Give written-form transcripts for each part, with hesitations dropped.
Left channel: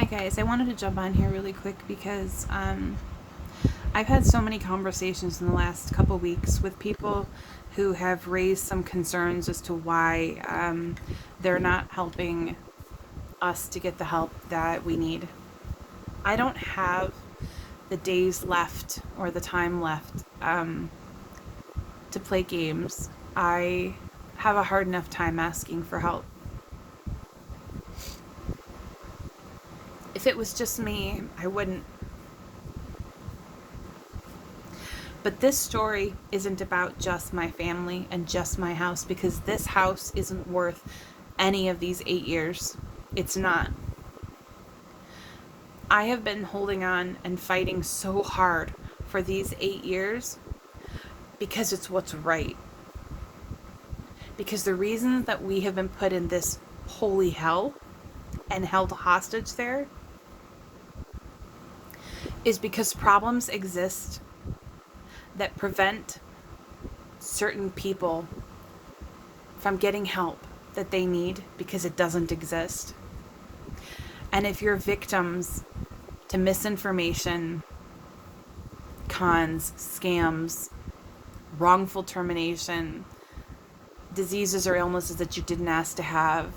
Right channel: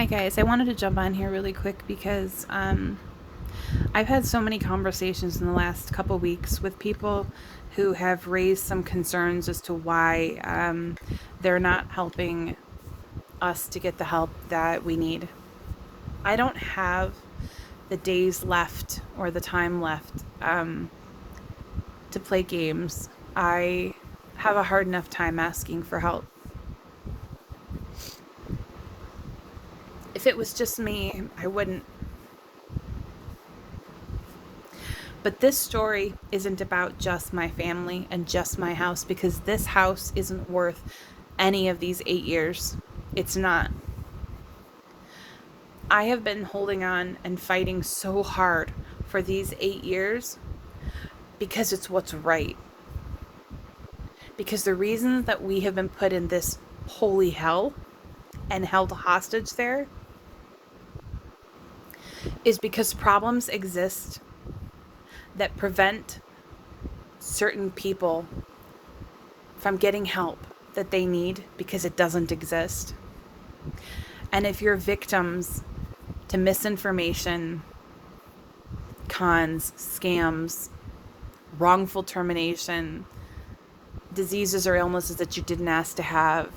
Hi guys, I wanted to jump on here really quick because I've had so many conversations in the last couple weeks with people who have raised some concerns as to why they're not helping us to get the help that we need. I don't have the days left or the time left to play games. I have a hard enough time asking for help. If it was just me, I wouldn't. But this story isn't about just my family and just my house, because this house isn't worth any of these 8 years. It's not. I have been holding on and fighting so hard for these 8 years because it's what's right. Because the reason that we have been put in this holy hell and held hostage there is because problems exist that prevent certain people from getting help that they need because it doesn't exist. And if you're victims to misinformation, cons, scams, wrongful termination, diseases or illnesses that you didn't ask to have,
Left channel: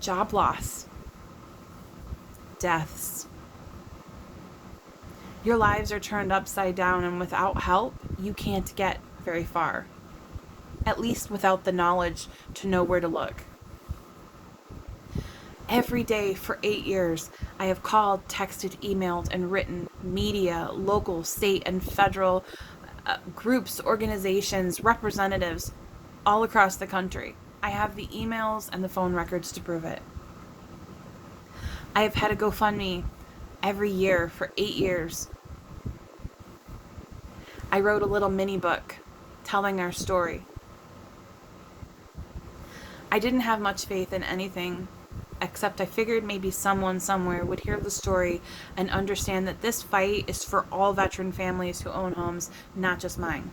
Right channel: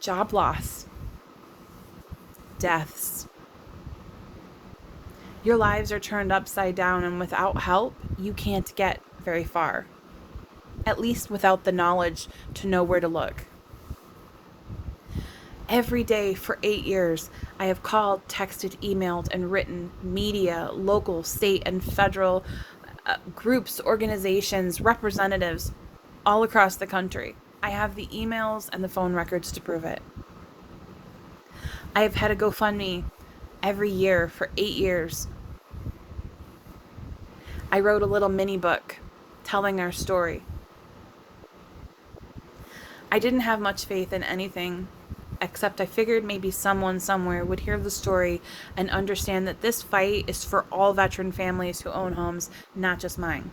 job loss, deaths, your lives are turned upside down, and without help, you can't get very far. At least without the knowledge to know where to look. Every day for 8 years, I have called, texted, emailed, and written media, local, state, and federal groups, organizations, representatives all across the country. I have the emails and the phone records to prove it. I have had a GoFundMe every year for 8 years. I wrote a little mini book telling our story. I didn't have much faith in anything, except I figured maybe someone somewhere would hear the story and understand that this fight is for all veteran families who own homes, not just mine.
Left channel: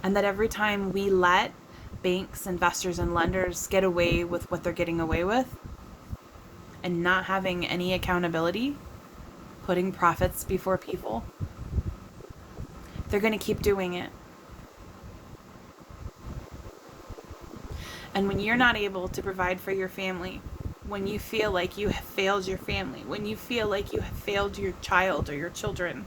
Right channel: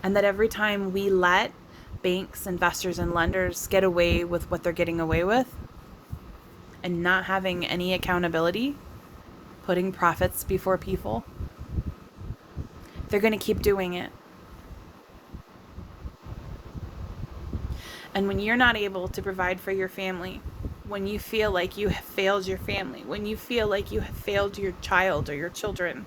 And that every time we let banks, investors, and lenders get away with what they're getting away with and not having any accountability, putting profits before people, they're going to keep doing it. And when you're not able to provide for your family, when you feel like you have failed your family, when you feel like you have failed your child or your children,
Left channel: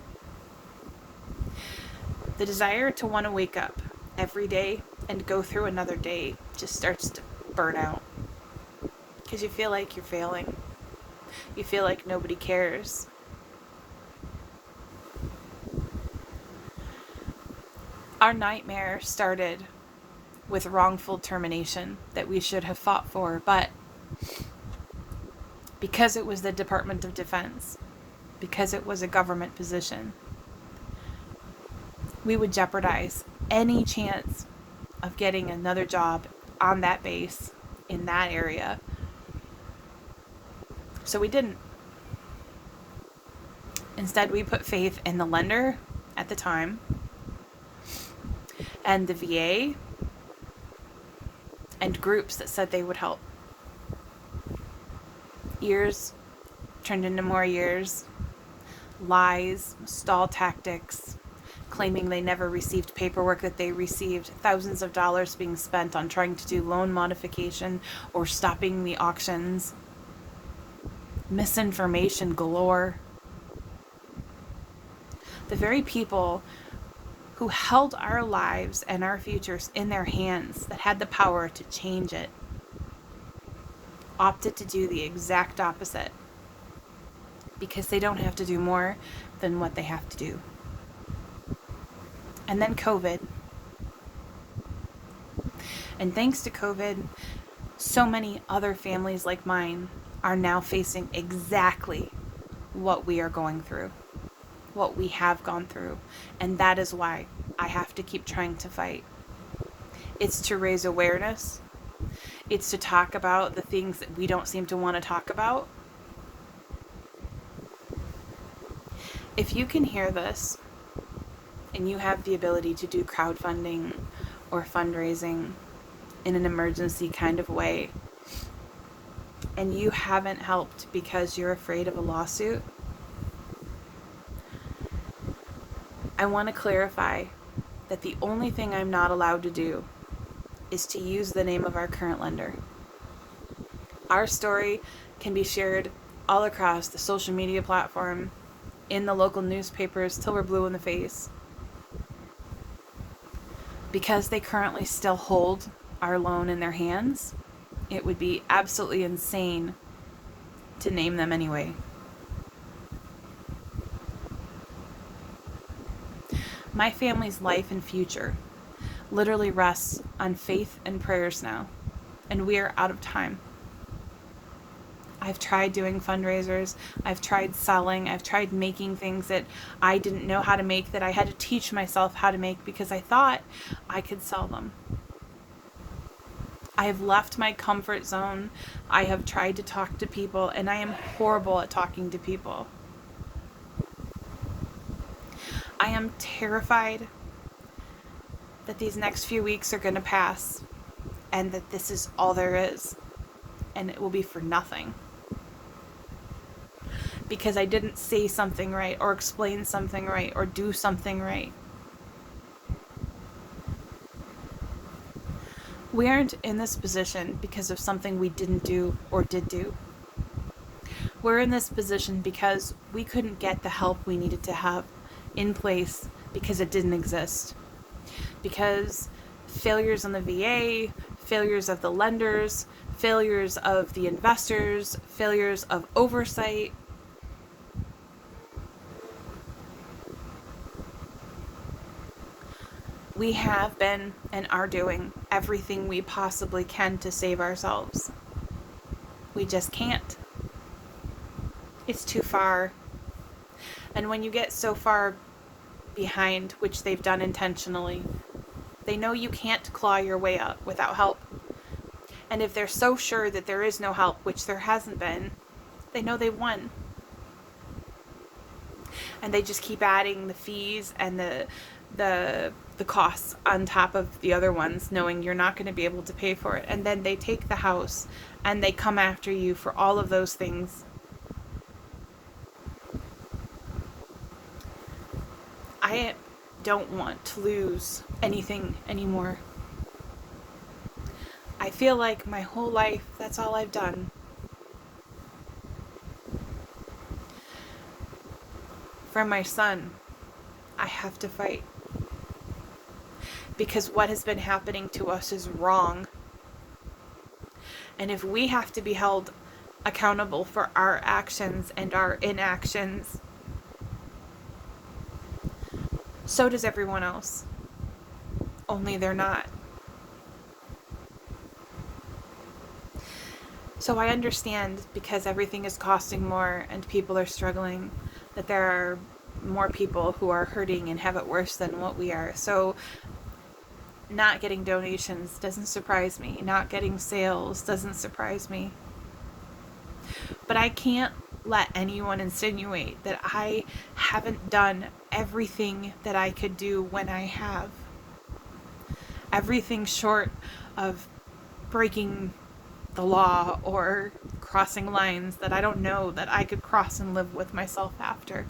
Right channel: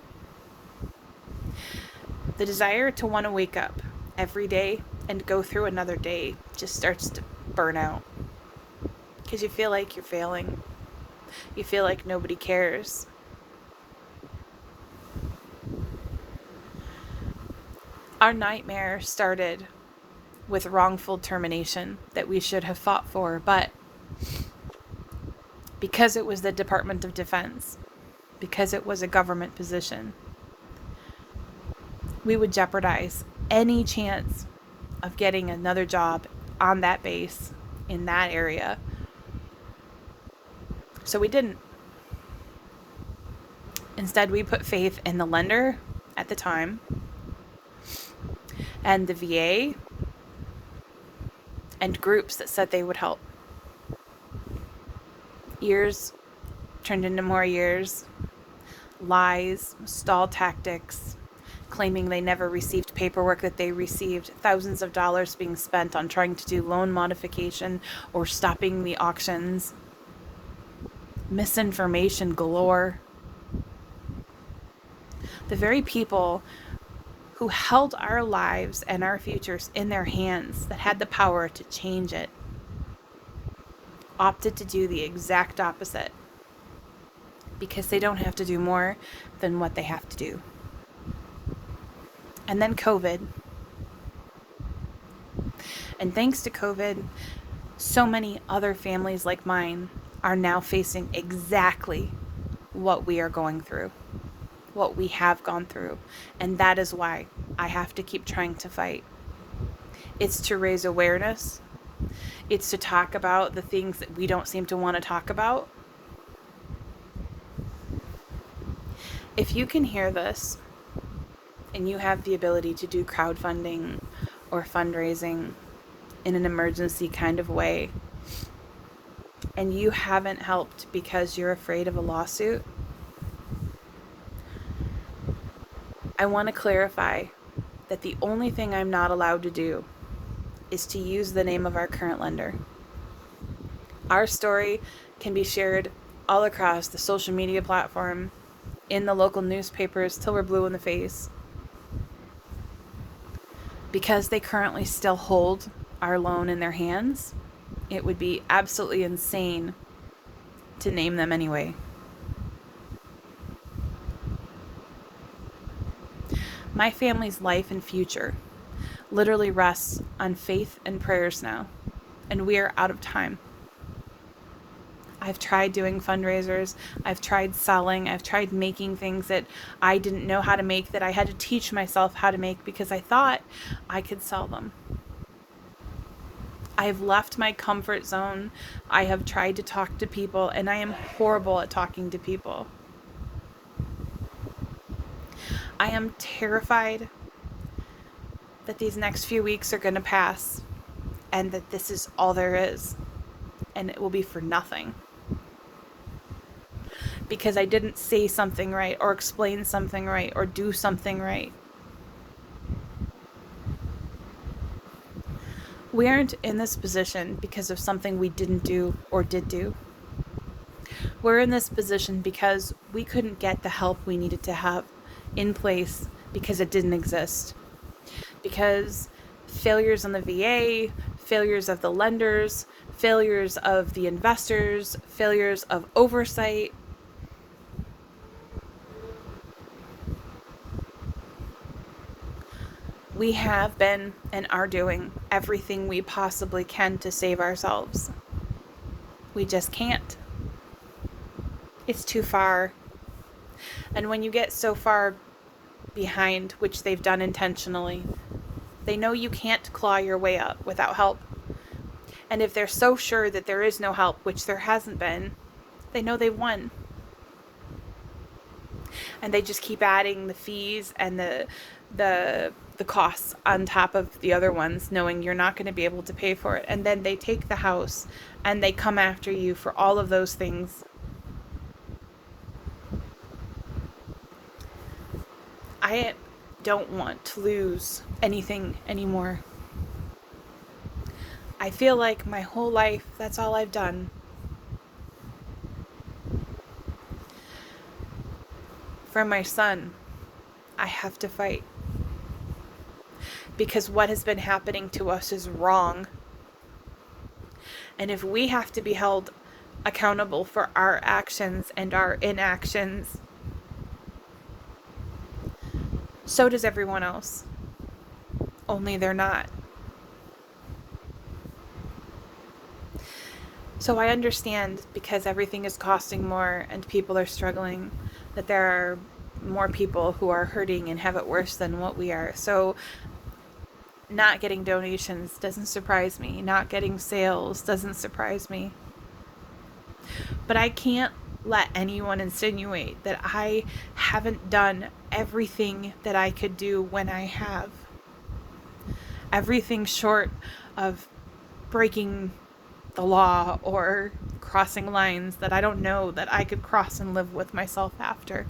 the desire to want to wake up every day and go through another day just starts to burn out. Because you feel like you're failing. You feel like nobody cares. Our nightmare started with wrongful termination that we should have fought for, but because it was the Department of Defense, because it was a government position, we would jeopardize any chance of getting another job on that base in that area. So we didn't. Instead, we put faith in the lender at the time and the VA and groups that said they would help. Years turned into more years. Lies, stall tactics, claiming they never received paperwork that they received, thousands of dollars being spent on trying to do loan modification or stopping the auctions. Misinformation galore. The very people who held our lives and our futures in their hands, that had the power to change it, opted to do the exact opposite because they don't have to do more than what they have to do. And then COVID. And thanks to COVID, so many other families like mine are now facing exactly what we are going through, what we have gone through. And that is why I have to keep trying to fight. It's to raise awareness. It's to talk about the things that we don't seem to want to talk about. If you can hear this and you have the ability to do crowdfunding or fundraising in an emergency kind of way, and you haven't helped because you're afraid of a lawsuit, I want to clarify that the only thing I'm not allowed to do is to use the name of our current lender. Our story can be shared all across the social media platform, in the local newspapers till we're blue in the face. Because they currently still hold our loan in their hands, it would be absolutely insane to name them anyway. My family's life and future literally rests on faith and prayers now, and we are out of time. I've tried doing fundraisers, I've tried selling, I've tried making things that I didn't know how to make, that I had to teach myself how to make because I thought I could sell them. I have left my comfort zone. I have tried to talk to people, and I am horrible at talking to people. I am terrified that these next few weeks are going to pass and that this is all there is, and it will be for nothing. Because I didn't say something right, or explain something right, or do something right. We aren't in this position because of something we didn't do or did do. We're in this position because we couldn't get the help we needed to have in place because it didn't exist. Because failures on the VA, failures of the lenders, failures of the investors, failures of oversight. We have been and are doing everything we possibly can to save ourselves. We just can't. It's too far. And when you get so far behind, which they've done intentionally, they know you can't claw your way up without help. And if they're so sure that there is no help, which there hasn't been, they know they won. And they just keep adding the fees and the costs on top of the other ones, knowing you're not going to be able to pay for it. And then they take the house and they come after you for all of those things. I don't want to lose anything anymore. I feel like my whole life, that's all I've done. For my son, I have to fight. Because what has been happening to us is wrong. And if we have to be held accountable for our actions and our inactions, so does everyone else. Only they're not. So I understand, because everything is costing more and people are struggling, that there are more people who are hurting and have it worse than what we are. So not getting donations doesn't surprise me. Not getting sales doesn't surprise me. But I can't let anyone insinuate that I haven't done everything that I could do when I have. Everything short of breaking the law or crossing lines that I don't know that I could cross and live with myself after.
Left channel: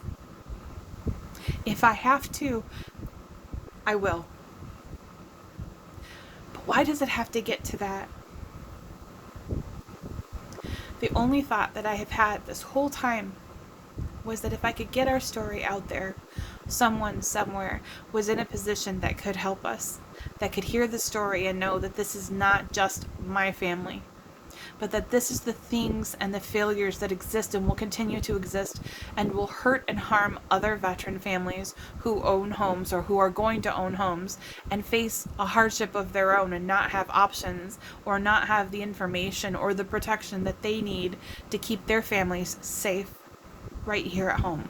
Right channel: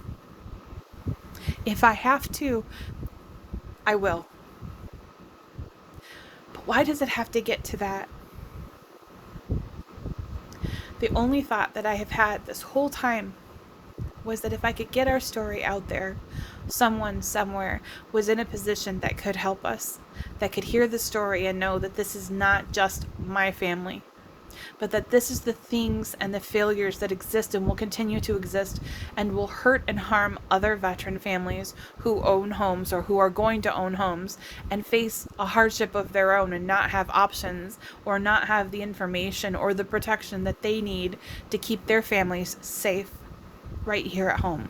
If I have to, I will. But why does it have to get to that? The only thought that I have had this whole time was that if I could get our story out there, someone somewhere was in a position that could help us, that could hear the story and know that this is not just my family, but that this is the things and the failures that exist and will continue to exist and will hurt and harm other veteran families who own homes or who are going to own homes and face a hardship of their own and not have options or not have the information or the protection that they need to keep their families safe right here at home.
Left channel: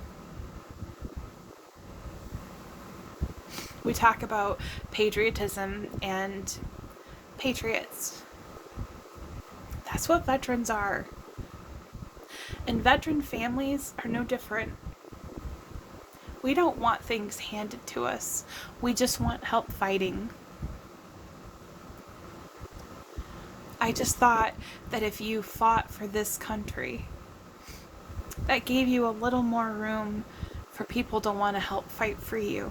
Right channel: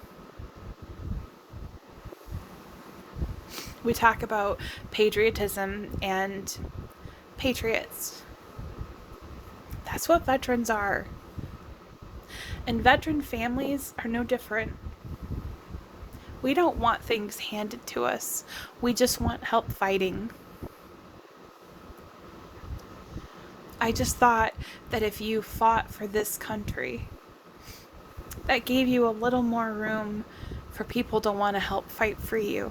We talk about patriotism and patriots. That's what veterans are. And veteran families are no different. We don't want things handed to us. We just want help fighting. I just thought that if you fought for this country, that gave you a little more room for people to want to help fight for you.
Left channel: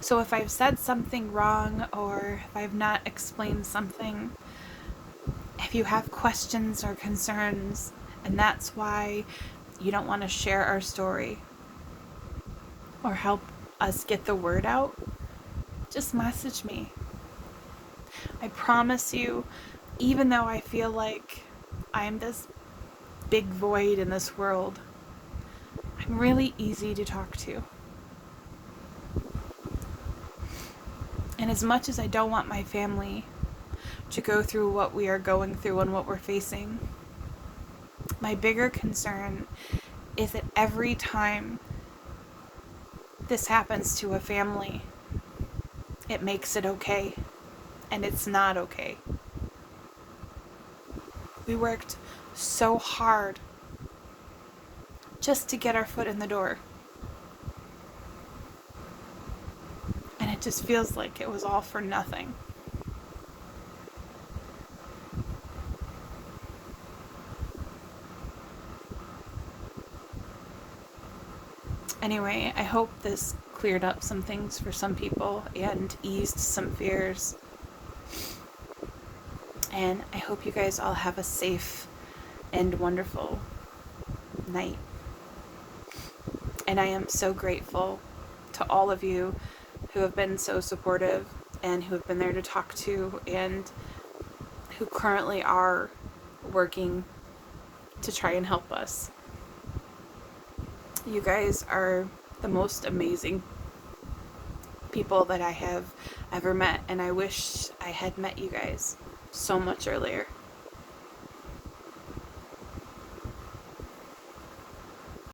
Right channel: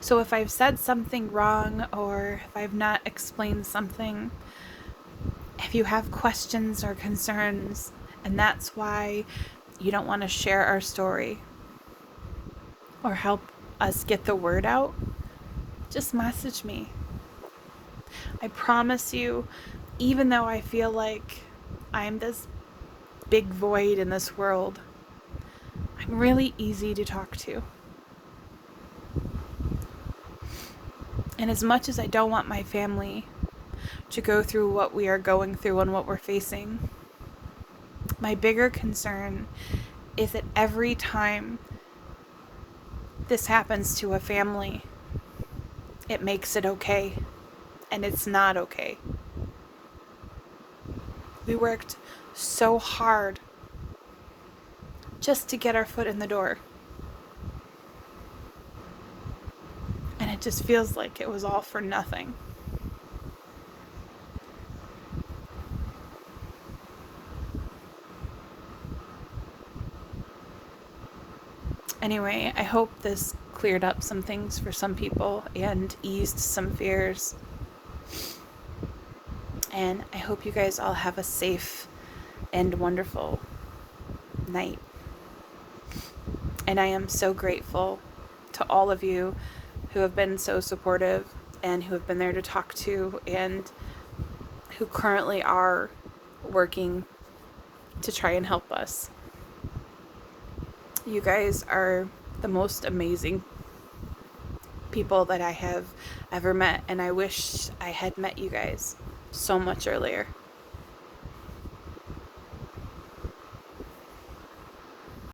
So if I've said something wrong, or if I've not explained something, if you have questions or concerns, and that's why you don't want to share our story or help us get the word out, just message me. I promise you, even though I feel like I'm this big void in this world, I'm really easy to talk to. And as much as I don't want my family to go through what we are going through and what we're facing, my bigger concern is that every time this happens to a family, it makes it okay, and it's not okay. We worked so hard just to get our foot in the door, and it just feels like it was all for nothing. Anyway, I hope this cleared up some things for some people and eased some fears. And I hope you guys all have a safe and wonderful night. And I am so grateful to all of you who have been so supportive and who have been there to talk to, and who currently are working to try and help us. You guys are the most amazing people that I have ever met, and I wish I had met you guys so much earlier.